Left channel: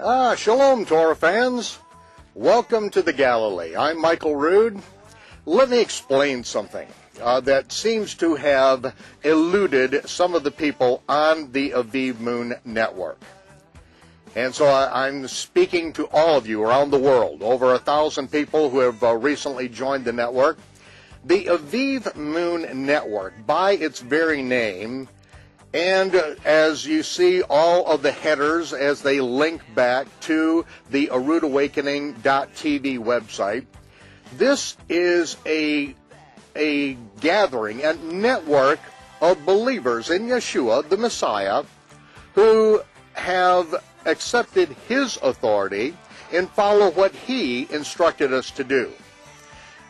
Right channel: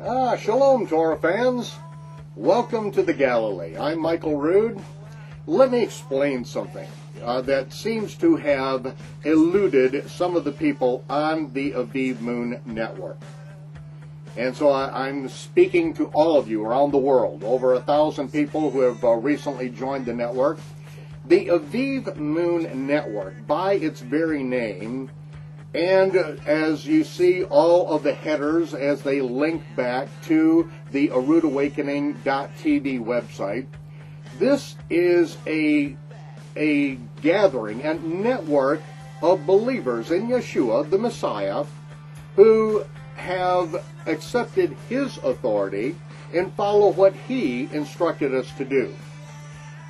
Shalom, Torah fans. Welcome to the Galilee. I'm Michael Rood. Let me explain something that seems to have eluded some of the people on the Aviv Moon Network. And so I'm speaking to all of you around the world, over 1,000 people who have recently joined the network. The Aviv Moon Network, by its very name, and as you see all of the headers as they link back to the roodawakening.tv website, this is a gathering, a network of believers in Yeshua, the Messiah, who have accepted his authority and follow what he instructed us to do.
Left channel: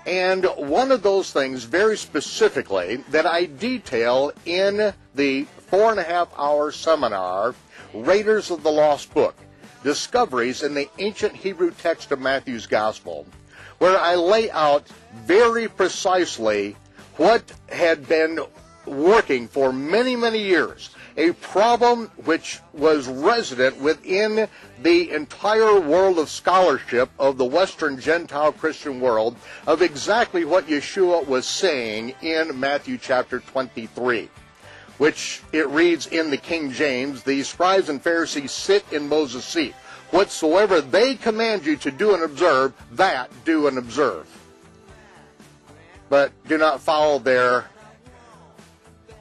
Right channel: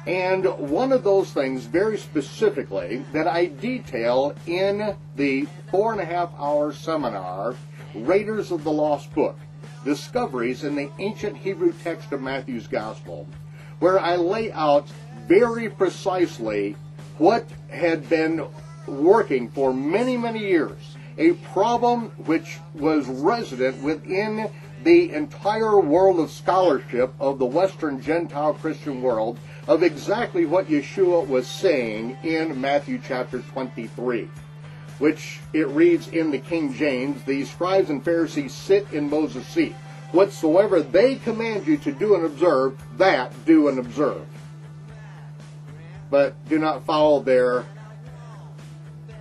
And one of those things very specifically that I detail in the 4.5-hour seminar, Raiders of the Lost Book, Discoveries in the Ancient Hebrew Text of Matthew's Gospel, where I lay out very precisely what had been working for many, many years, a problem which was resident within the entire world of scholarship of the Western Gentile Christian world, of exactly what Yeshua was saying in Matthew chapter 23, which it reads in the King James, "The scribes and Pharisees sit in Moses' seat. Whatsoever they command you to do and observe, that do and observe. But do not follow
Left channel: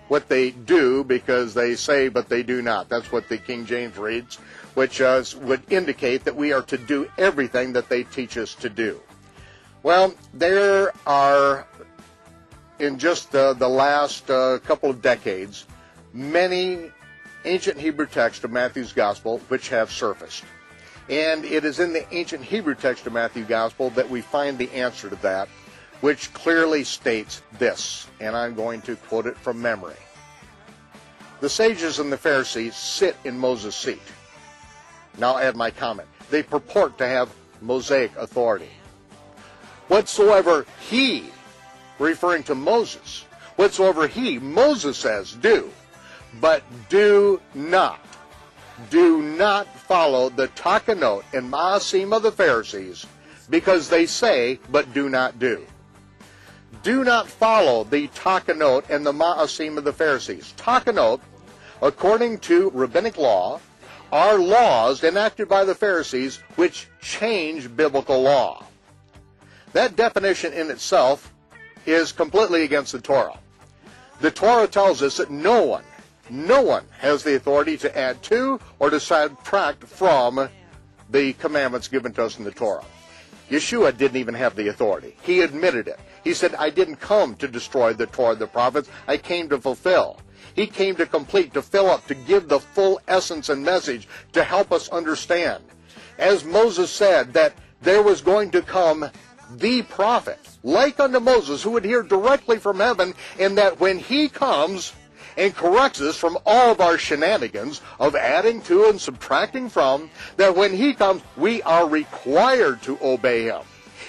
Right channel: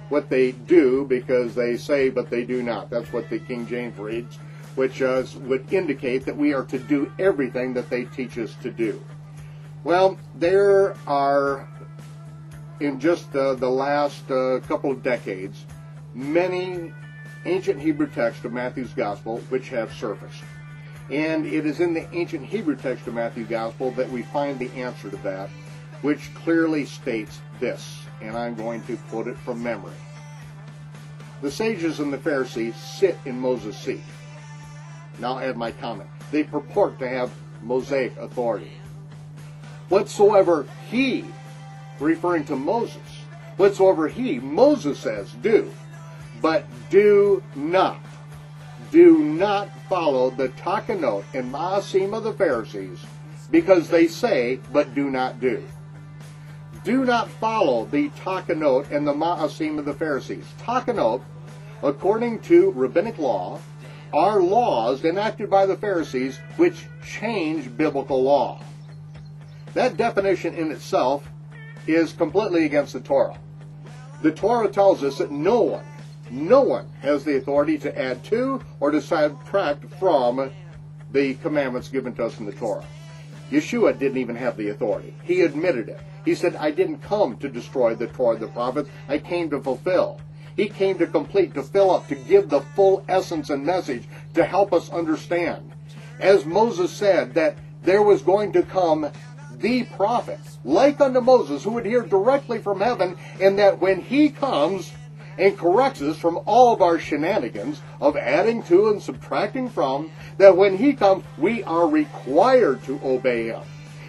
what they do, because they say, but they do not." That's what the King James reads, which would indicate that we are to do everything that they teach us to do. Well, there are, in just the last couple of decades, many ancient Hebrew texts of Matthew's Gospel which have surfaced. And it is in the ancient Hebrew text of Matthew's Gospel that we find the answer to that, which clearly states this, and I'm going to quote it from memory. "The sages and the Pharisees sit in Moses' seat." Now add my comment. They purport to have Mosaic authority. "Whatsoever he," referring to Moses, "whatsoever he," Moses says, "do, but do not follow the takanot and ma'asim of the Pharisees, because they say, but do not do." Do not follow the takanot and the ma'asim of the Pharisees. Takanot, according to Rabbinic law, are laws enacted by the Pharisees which change biblical law. That definition in itself is completely against the Torah. The Torah tells us that no one has the authority to add to or to subtract from the commandments given to us in the Torah. Yeshua didn't even have the authority. He admitted it. He said, "I didn't come to destroy the Torah and the prophets. I came to fulfill." He came to complete, to fill up, to give the full essence and message, to help us understand. As Moses said, that there was going to come the prophet, like unto Moses, who would hear directly from heaven, and that when he comes and corrects us from all of our shenanigans of adding to and subtracting from, that when he comes, we are required to obey him.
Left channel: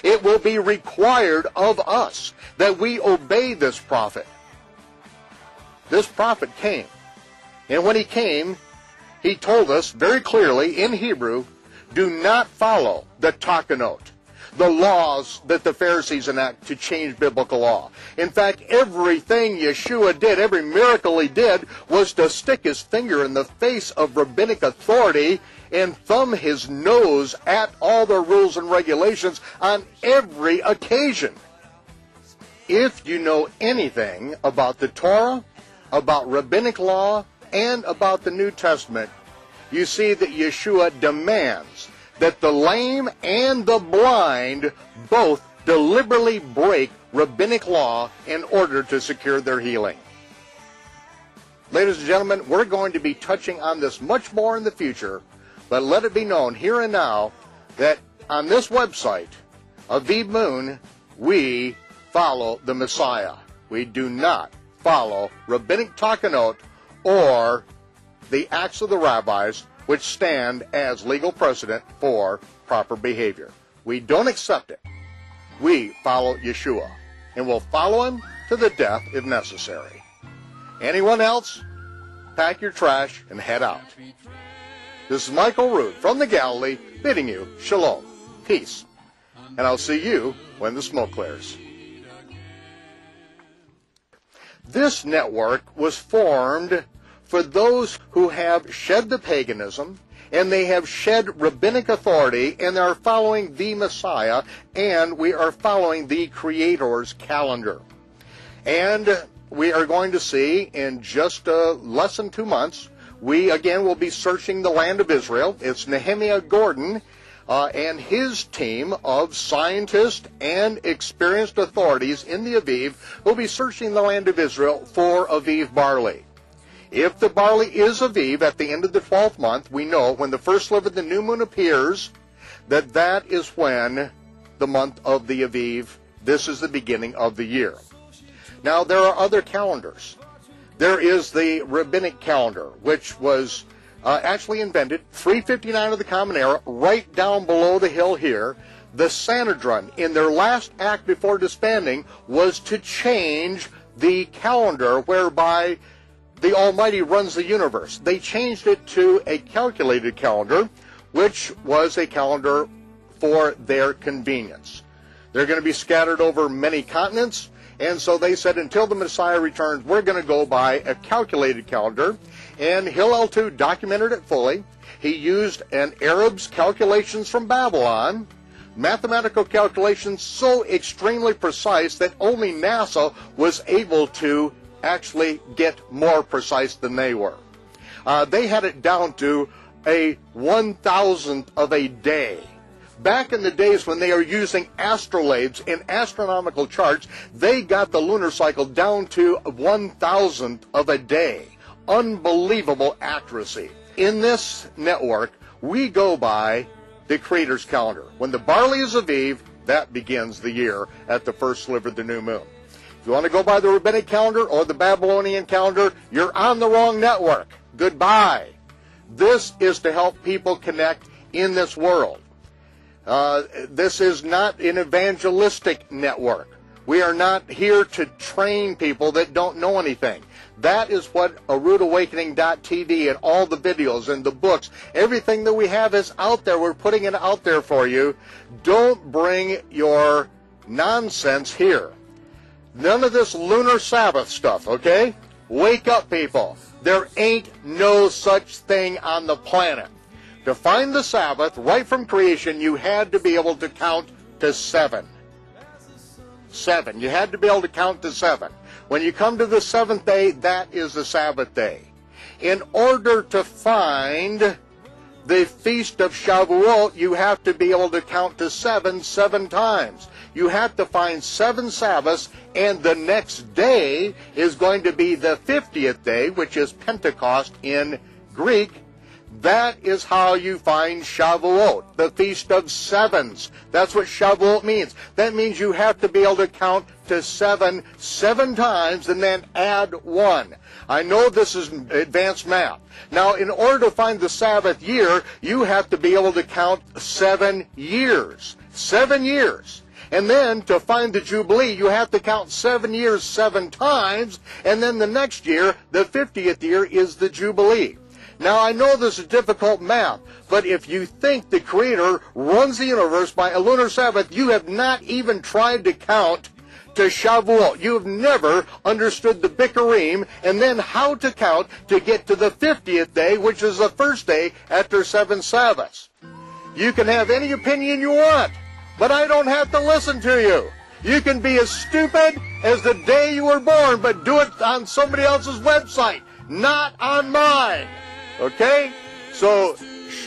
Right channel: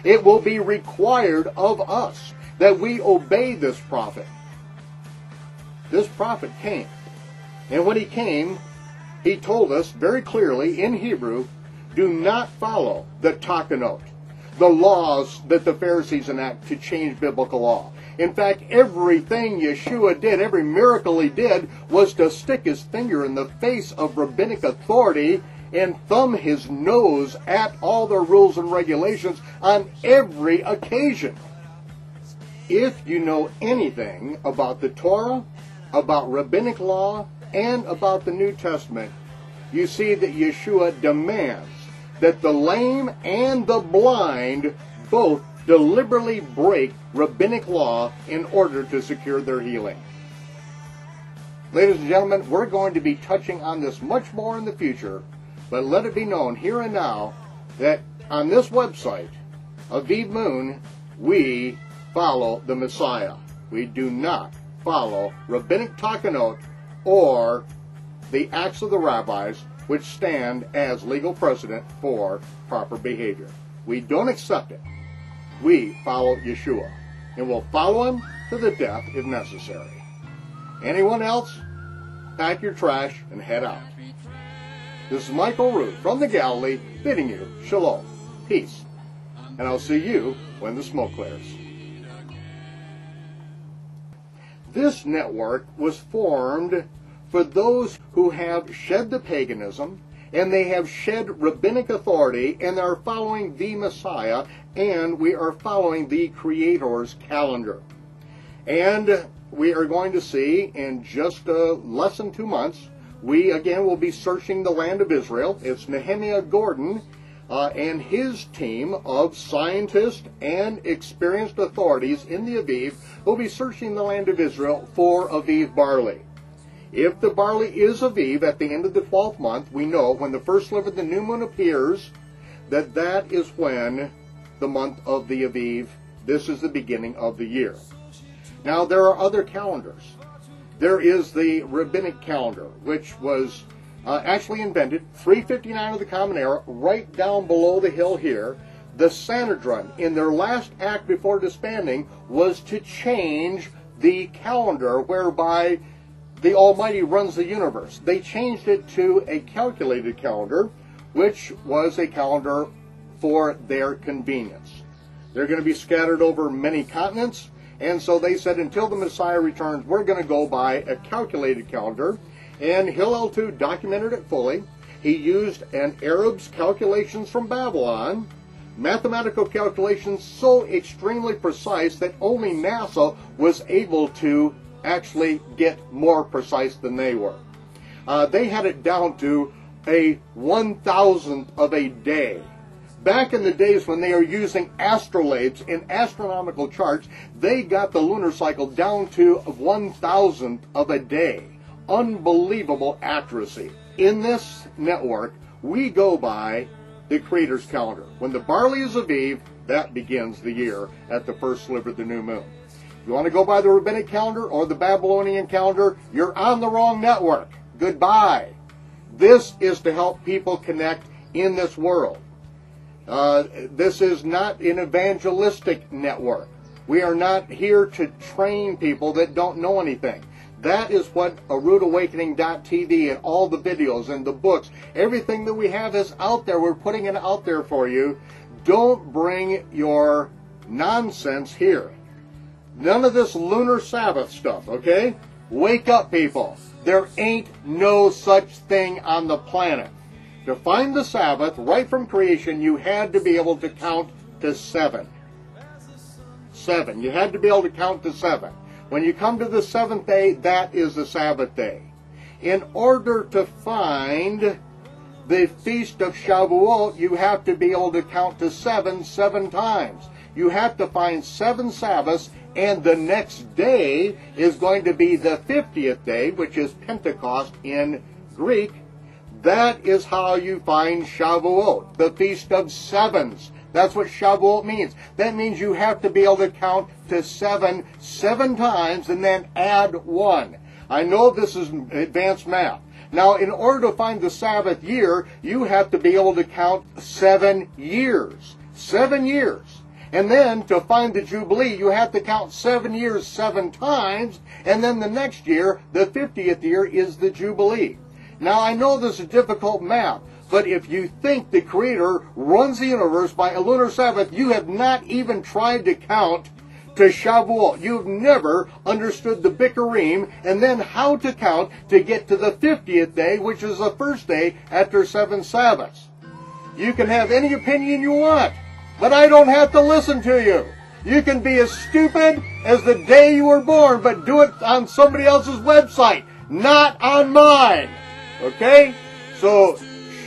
It will be required of us that we obey this prophet. This prophet came, and when he came, he told us very clearly in Hebrew, do not follow the takanot, the laws that the Pharisees enact to change biblical law. In fact, everything Yeshua did, every miracle he did, was to stick his finger in the face of rabbinic authority and thumb his nose at all the rules and regulations on every occasion. If you know anything about the Torah, about rabbinic law, and about the New Testament, you see that Yeshua demands that the lame and the blind both deliberately break rabbinic law in order to secure their healing. Ladies and gentlemen, we're going to be touching on this much more in the future, but let it be known here and now that on this website, Aviv Moon, we follow the Messiah. We do not follow rabbinic takanot or the acts of the rabbis, which stand as legal precedent for proper behavior. We don't accept it. We follow Yeshua, and we'll follow him to the death if necessary. Anyone else? Pack your trash and head out. This is Michael Rood from the Galilee, bidding you shalom, peace, and I'll see you when the smoke clears. This network was formed for those who have shed the paganism, and they have shed rabbinic authority, and they are following the Messiah, and we are following the Creator's calendar. And we are going to see in just less than 2 months, we again will be searching the land of Israel. It's Nehemiah Gordon and his team of scientists and experienced authorities in the Aviv will be searching the land of Israel for Aviv barley. If the barley is Aviv at the end of the 12th month, we know when the first sliver of the new moon appears that that is when the month of the Aviv, this is the beginning of the year. Now there are other calendars. There is the Rabbinic calendar, which was actually invented 359 of the Common Era, right down below the hill here. The Sanhedrin, in their last act before disbanding, was to change the calendar whereby the Almighty runs the universe. They changed it to a calculated calendar, which was a calendar for their convenience. They're going to be scattered over many continents, and so they said until the Messiah returns, we're going to go by a calculated calendar. And Hillel too documented it fully. He used an Arab's calculations from Babylon, mathematical calculations so extremely precise that only NASA was able to actually get more precise than they were. They had it down to a 1,000th of a day. Back in the days when they were using astrolabes in astronomical charts, they got the lunar cycle down to 1,000th of a day. Unbelievable accuracy. In this network, we go by the Creator's calendar. When the barley is Aviv, that begins the year at the first sliver of the new moon. If you want to go by the Rabbinic calendar or the Babylonian calendar, you're on the wrong network. Goodbye. This is to help people connect in this world. This is not an evangelistic network. We are not here to train people that don't know anything. That is what roodawakening.tv and all the videos and the books, everything that we have is out there. We're putting it out there for you. Don't bring your nonsense here. None of this lunar Sabbath stuff, okay? Wake up, people. There ain't no such thing on the planet. To find the Sabbath, right from creation, you had to be able to count to 7. 7. You had to be able to count to 7. When you come to the 7th day, that is the Sabbath day. In order to find the Feast of Shavuot, you have to be able to count to 7 times. You have to find 7 Sabbaths, and the next day is going to be the 50th day, which is Pentecost in Greek. That is how you find Shavuot, the Feast of Sevens. That's what Shavuot means. That means you have to be able to count to 7 times and then add 1. I know this is advanced math. Now, in order to find the Sabbath year, you have to be able to count 7 years. 7 years. And then to find the Jubilee, you have to count 7 years 7 times, and then the next year, the 50th year, is the Jubilee. Now, I know this is difficult math, but if you think the Creator runs the universe by a lunar Sabbath, you have not even tried to count to Shavuot. You've never understood the Bikurim and then how to count to get to the 50th day, which is the first day after 7 Sabbaths. You can have any opinion you want, but I don't have to listen to you. You can be as stupid as the day you were born, but do it on somebody else's website, not on mine. Okay? So,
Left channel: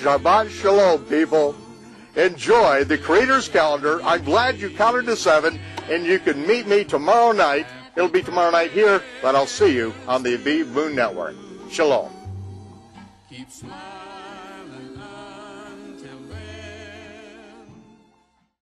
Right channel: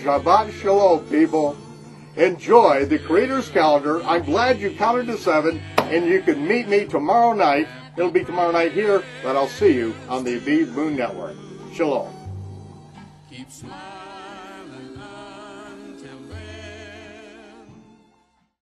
Shabbat Shalom, people. Enjoy the Creator's calendar. I'm glad you counted to 7, and you can meet me tomorrow night. It'll be tomorrow night here, but I'll see you on the Aviv Moon Network. Shalom. Keep smiling.